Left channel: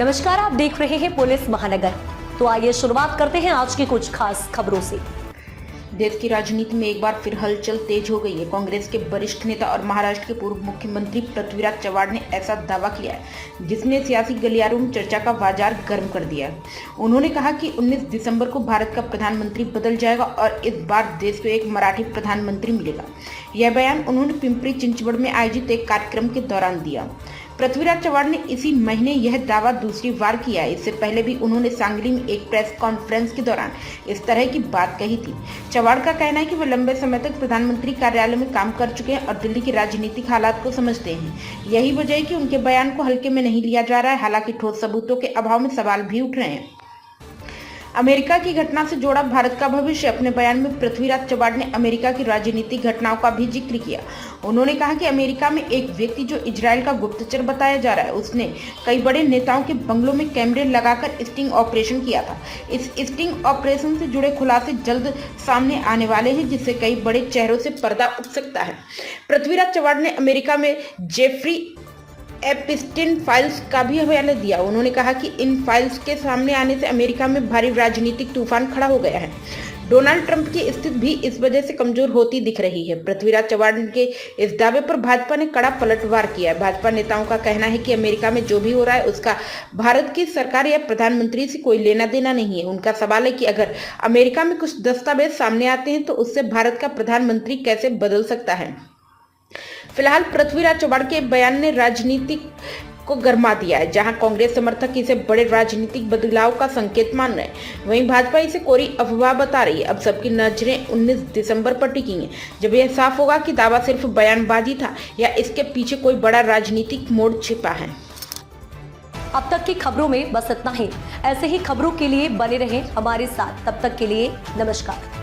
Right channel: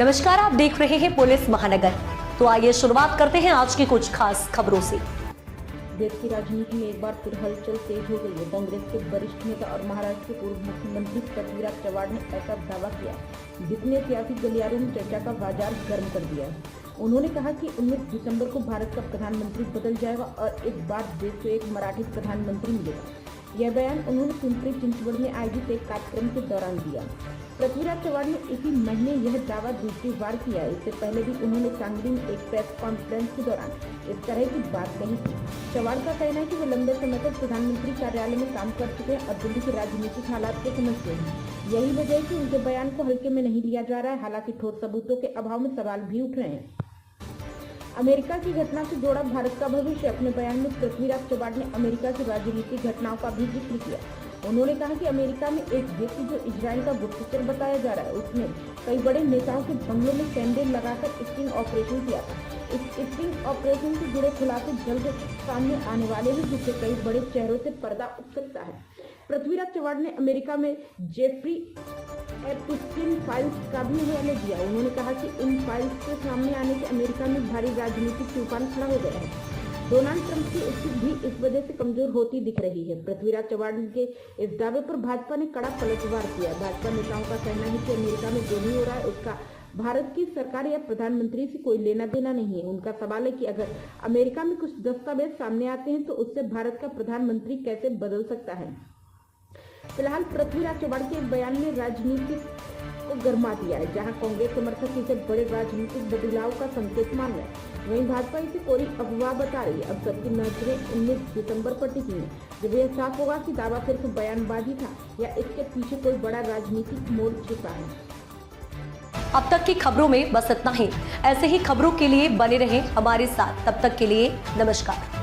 नमस्कार, आप देख रहे हैं पुलिस महानगर। तो आइए शुरुआत करते हैं आज की कुछ खास खबरों से। देश की राजनीति में एक बार फिर हलचल तेज हो गई है। कांग्रेस के वरिष्ठ नेता और महाराष्ट्र के पूर्व मुख्यमंत्री पृथ्वीराज चव्हाण ने ऐसा दावा किया है जिसने सियासी गलियारों में चर्चा का बाजार गर्म कर दिया है। उन्होंने कहा कि 19 दिसंबर को भारत का प्रधानमंत्री बदल जाएगा और इस बार देश को एक मराठी प्रधानमंत्री मिलेगा। यह बयान उन्होंने पिंपरी चिंचवड़ में आयोजित एक कार्यक्रम के दौरान दिया। पृथ्वीराज चव्हाण ने इसी महीने यह दावा दूसरी बार किया। इससे पहले भी उन्होंने सांगली में एक प्रेस कॉन्फ्रेंस के दौरान इस तरह की बात कही थी। चव्हाण का कहना है कि वे लंबे समय तक प्रधानमंत्री कार्यालय में काम कर चुके हैं और दिल्ली के राजनीतिक हालात को समझते हैं। यही वजह है कि उनके बयान को हल्के में नहीं लिया जा रहा है। हालांकि ठोस सबूतों के अभाव में सवाल भी उठ रहे हैं। अमेरिका की घटना से जोड़ा भारत का भविष्य। अपने बयान में पृथ्वीराज चव्हाण ने अमेरिका की राजनीतिक घटनाओं का भी जिक्र किया। उन्होंने कहा कि अमेरिका में एक व्यक्ति जो इजरायल का गुप्तचर बताया जा रहा है, उसने कई बड़े नेताओं के बंगलों में कैमरे लगाकर स्टिंग ऑपरेशन किया था। इस स्टिंग ऑपरेशन से जुड़े खुलासे जल्द सामने आने वाले हैं, जिससे कई बड़े चेहरों से पर्दा उठ सकता है। पृथ्वीराज चव्हाण ने अमेरिका में जेफरी एप्स्टीन फाइल्स का भी हवाला दिया। उन्होंने कहा कि इन फाइल्स के सामने आने से अमेरिका में भारी राजनीतिक तूफान खड़ा हो गया है। डोनाल्ड ट्रंप की स्थिति भी इस वजह से कमजोर होती दिख रही है। पृथ्वीराज चव्हाण के इस दावे पर भाजपा ने कड़ा पलटवार किया है। भाजपा नेताओं का कहना है कि अमेरिका में जो भी हो रहा है उसका भारत की सरकार या प्रधानमंत्री से कोई लेना देना नहीं है। उनका सवाल है कि अगर अमेरिका में कुछ दस्तावेज सामने आते हैं तो उससे भारत का प्रधानमंत्री कैसे बदल सकता है। फिलहाल पृथ्वीराज चव्हाण के बयान ने राजनीति को गरमा दिया है। जहां कांग्रेस समर्थक इसे बड़े राजनीतिक बदलाव का संकेत मान रहे हैं, वहीं भाजपा इसे कोरी अफवाह बता रही है। अब सबकी नजरें 19 दिसंबर पर टिकी हैं, जब यह साफ होगा कि दावा सिर्फ बयानबाजी था या इसके पीछे कोई बड़ा राजनीतिक मोड़ छिपा है। अब तक की खबरों में बस इतना ही। ऐसे ही खबरों के लिए बने रहें हमारे साथ। तब तक के लिए नमस्कार।